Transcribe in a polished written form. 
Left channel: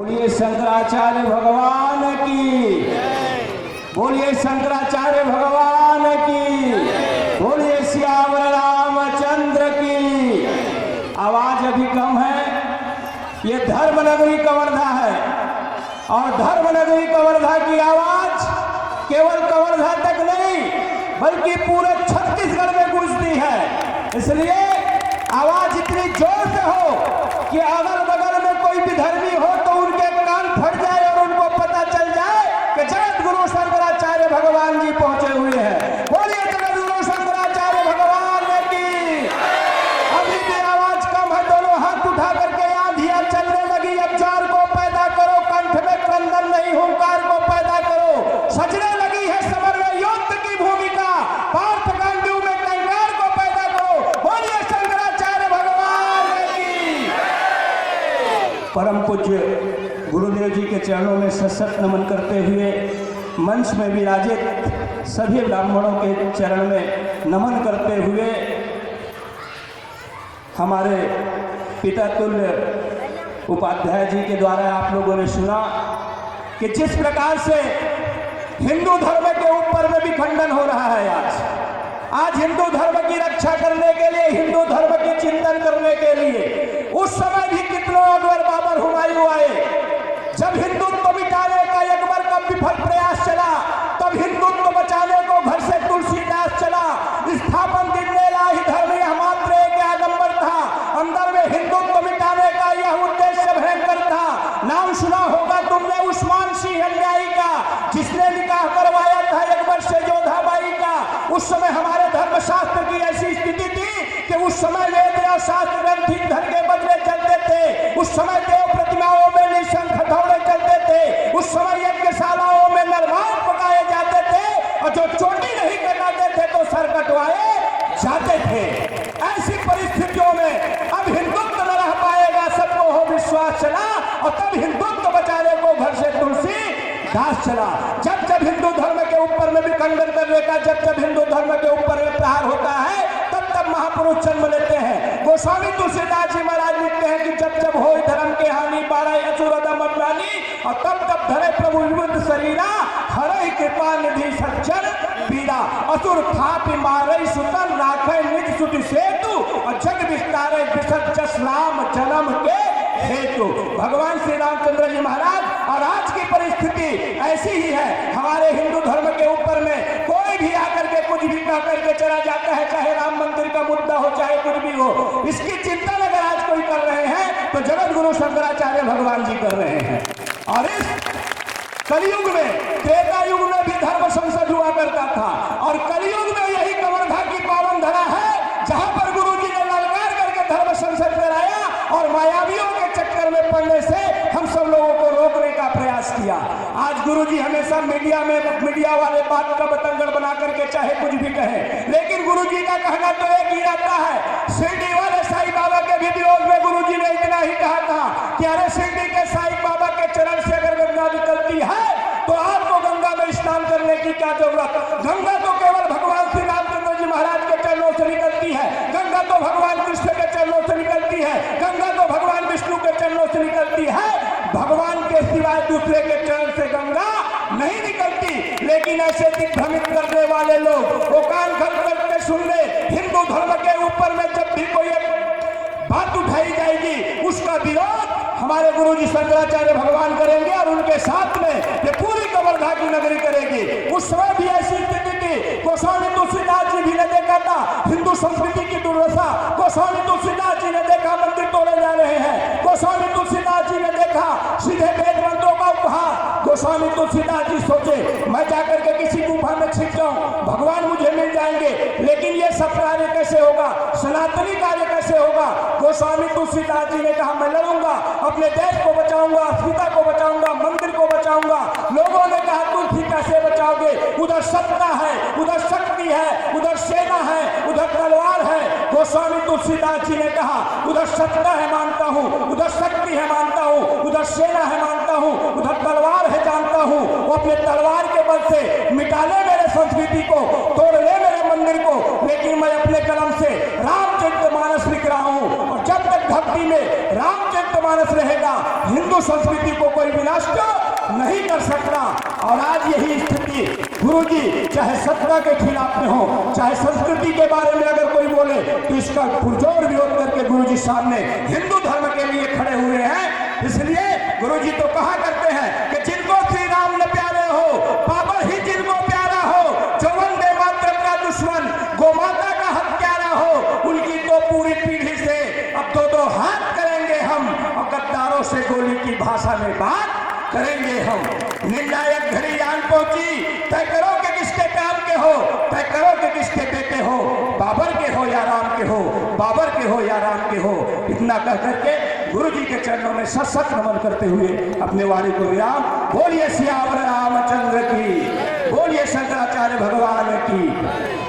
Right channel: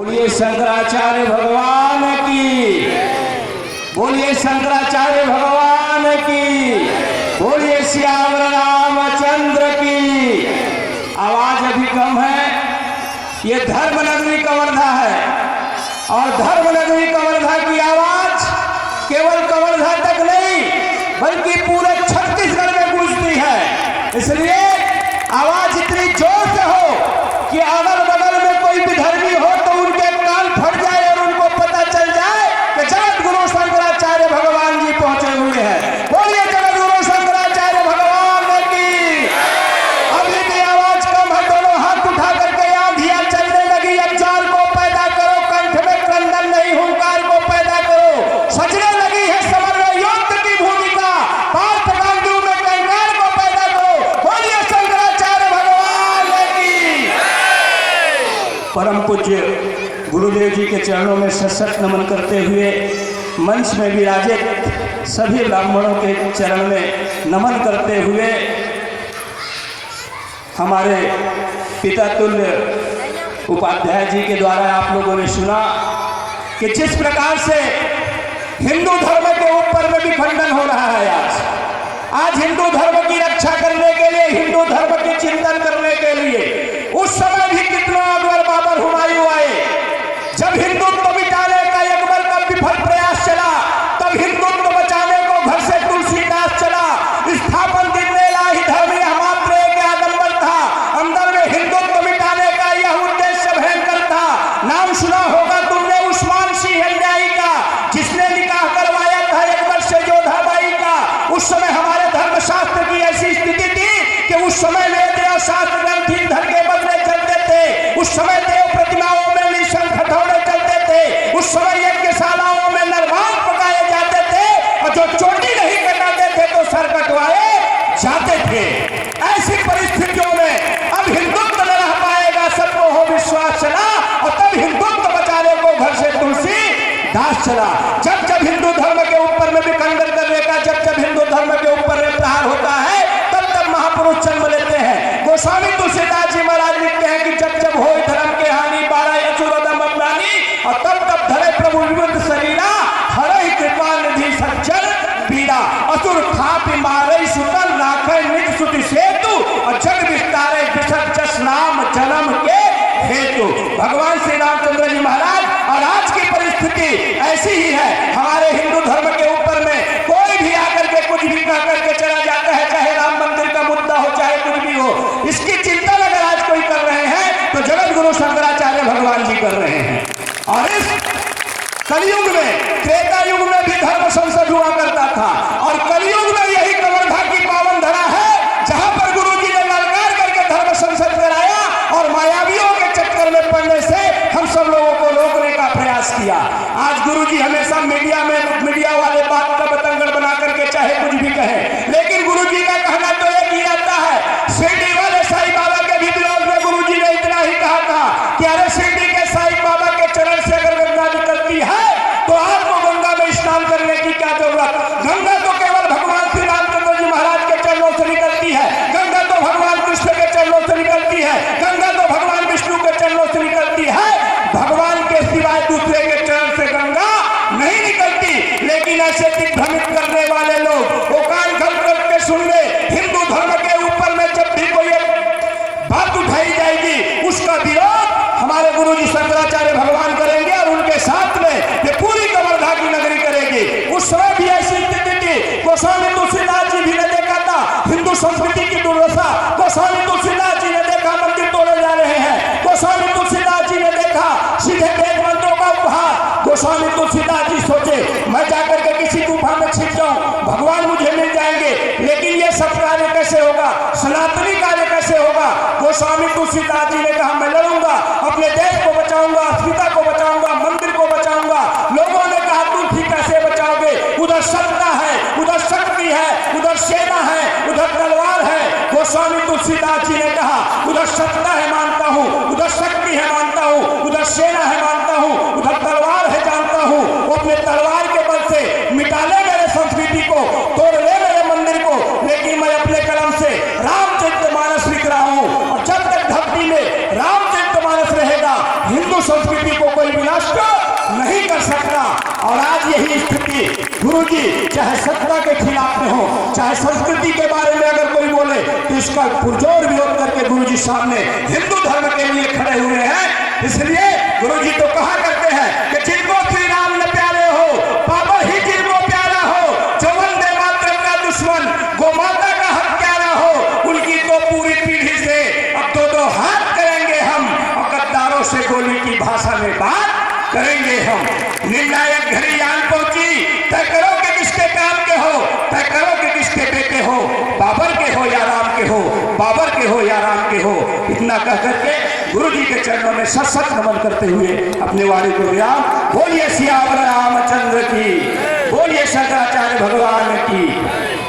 बोलिए शंकराचार्य भगवान की, बोलिए शंकराचार्य भगवान की, बोलिए श्याम रामचंद्र की। आवाज अभी कम है। ये धर्म नगरी कवर्धा है और धर्म नगरी कवर्धा की आवाज केवल कवर्धा तक नहीं बल्कि पूरे छत्तीसगढ़ में गूंजती है। इसलिए आवाज इतनी जोर से हो कि अगल बगल में कोई विधर्मी हो तो उनके कान फट जाए और उनको पता चल जाए कि जगत गुरु शंकराचार्य भगवान जी पहुंचे हुए हैं। बोलिए जगत गुरु शंकराचार्य भगवान की। अभी भी आवाज कम है, दोनों हाथ उठा करके आंधियां चलने लगी। अब जाल को पैदा करो, कंठ में क्रंदन नहीं हुंकार को पैदा करो। सजने लगी है समर युद्ध की भूमिका, पांच गांधू में कंगाल को पैदा करो। बोलिए शंकराचार्य भगवान की। परम पूज्य गुरुदेव जी के चरणों में सशक्त नमन करते हुए मंच में विराजित सभी ब्राह्मणों के चरण में नमन करते हुए हमारे पिता तुल्य उपाध्याय जी के द्वारा आप लोगों ने सुना कि जिस प्रकार से हिंदू धर्म के ऊपर में भी खंडन हो रहा है। आज हिंदू धर्म की रक्षा करने के लिए, हिंदू धर्म की चिंतन करने के लिए उस समय भी कितने अकबर बाबर हुमायूं आए। जब हिंदुत्व मिटाने का अकबर का विफल प्रयास चला, तब हिंदुत्व बचाने को घर से तुलसीदास चला। स्थापन दिखने लाही धर्म यह मात्र एक आदमवर था, अंदर में हिंदुत्व मिटाने का यह उद्देश्य भयंकर था। नाम सुना होगा तुमने उस्मान सिंह अन्यायी का, जिसने निकाह करवाया था अकबर से जोधाबाई का। उस समय हमारे धर्मशास्त्र की ऐसी स्थिति थी कि उस समय वेद और शास्त्र ग्रंथ धन के बदले चलते थे। उस समय देव प्रतिमाओं में निशंक हथौड़े चलते थे। उस समय यज्ञशालाओं में नरभाग पकाए जाते थे और जो चोटी नहीं कटाते थे तो सर कटवाए जाते थे। ऐसी परिस्थितियों में अब हिंदुत्व न रह पाएगा, सबको हो विश्वास चला और तब हिंदुत्व बचाने को घर से तुलसी दास चला। जब जब हिंदू धर्म के ऊपर में भी खंडन करने का, जब जब हिंदू धर्म के ऊपर में प्रहार होता है, तब तब महापुरुष जन्म लेते हैं। गोस्वामी तुलसीदास जी महाराज लिखते हैं कि जब जब हो धर्म के हानि बाड़ा अचुरदम अपनानी, और तब तब धरे प्रभु विरुद्ध शरीरा, हरे कृपा निधि सज्जन पीड़ा। असुर खापि मारे सुतल राखे निज सुति सेतु, और जग विस्तारे विसर्ज जस नाम जन्म के हेतु। भगवान श्री रामचंद्र जी महाराज। और आज की परिस्थिति ऐसी ही है। हमारे हिंदू धर्म के ऊपर में कोई भी आकर के कुछ भी कह करके चला जाता है, चाहे राम मंदिर का मुद्दा हो, चाहे कुछ भी हो। इसकी चिंता अगर आज कोई कर रहे हैं तो जगत गुरु शंकराचार्य भगवान जी कर रहे हैं। और इस कलयुग में, त्रेता युग में भी धर्म संसद हुआ करता था, और कलयुग में यही कवर्धा की पावन धरा है जहां पर गुरु जी ने ललकार करके धर्म संसद कराया और मायावियों के चक्कर में पड़ने से हम सब लोगों को रोकने का प्रयास किया। आज गुरु जी हमेशा मीडिया वाले बात का बतंगड़ बना करके चाहे कुछ भी कहे, लेकिन गुरु जी का कहना तो एक ही रहता है। शिरडी वाले साईं बाबा के भी विरोध में गुरु जी ने इतना ही कहा था कि अरे शिरडी के साईं बाबा के चरण से अगर गंगा निकलती है तो आपको गंगा में स्नान करने की क्या जरूरत। गंगा तो केवल भगवान श्री रामचंद्र जी महाराज के चरणों से निकलती है, गंगा तो भगवान कृष्ण के चरणों से निकलती है, गंगा तो भगवान विष्णु के चरणों से निकलती है। भगवान के सिवाय दूसरे के चरण से गंगा नहीं निकलती। लेकिन ऐसे दिग्भ्रमित करने वाले लोग वो कान खोल करके सुन ले, हिंदू धर्म के ऊपर में जब भी कोई बात उठाई जाएगी उसका विरोध हमारे गुरु जी शंकराचार्य भगवान करेंगे और उनके साथ में ये पूरी कवर्धा की नगरी करेगी। उस समय भी ऐसी स्थिति थी। गोस्वामी तुलसीदास जी भी ने देखा था हिंदू संस्कृति की दुर्दशा। गोस्वामी तुलसीदास जी ने देखा मंदिर तोड़े जा रहे हैं। गोस्वामी तुलसीदास जी ने देखा सीधे वेद मंत्रों का उपहार। गोस्वामी तुलसीदास जी सोचे मैं जाकर के किसी गुफा में छिप जाऊं, भगवान मुझे मिल जाएंगे, लेकिन ये सब कार्य कैसे होगा, सनातनी कार्य कैसे होगा। गोस्वामी तुलसीदास जी ने कहा मैं लड़ूंगा, अपने देश को बचाऊंगा, अस्मिता को बचाऊंगा, मंदिर को बचाऊंगा। लोगों ने कहा तुलसी कैसे बचाओगे, उधर सत्ता है, उधर शक्ति है, उधर सेना है, उधर तलवार है। गोस्वामी तुलसीदास जी ने कहा उधर सत्ता है मानता हूँ, उधर शक्ति है मानता हूँ, उधर सेना है मानता हूँ, उधर तलवार है जानता हूँ। वो अपने तलवार के बल से मिटा ले मेरे संस्कृति को, तोड़ ले मेरे मंदिर को, लेकिन मैं अपने कलम से रामचरितमानस लिख रहा हूँ। और जब तक धरती में राम कोई विनष्ट नहीं कर सकता। और आज यही स्थिति गुरुजी चाहे सत्ता के खिलाफ में हो, चाहे संस्कृति के बारे में अगर कोई बोले तो इसका पुरजोर विरोध करके गुरुजी सामने हिंदू धर्म के लिए खड़े हुए हैं। इसलिए गुरुजी तो कहा करते हैं कि जिनको श्री राम न प्यारे हो, पापा ही जिनको प्यारा हो, जो वंदे मातरम का दुश्मन, गोमाता का हक प्यारा हो, उनकी तो पूरी पीढ़ी से अब दो हाथ करेंगे हम, और गद्दारों से गोली की भाषा में बात करेंगे हम। निर्णायक घड़ी आन पहुंची, तय करो कि किसके काम के हो, तय करो कि किसके बेटे हो, बाबर के हो या राम के हो, बाबर के हो या राम के हो। इतना कह करके गुरु जी के चरणों में सत सत नमन करते हुए अपने वाणी को विराम। बोलिए सियावर रामचंद्र की, बोलिए शंकराचार्य भगवान की।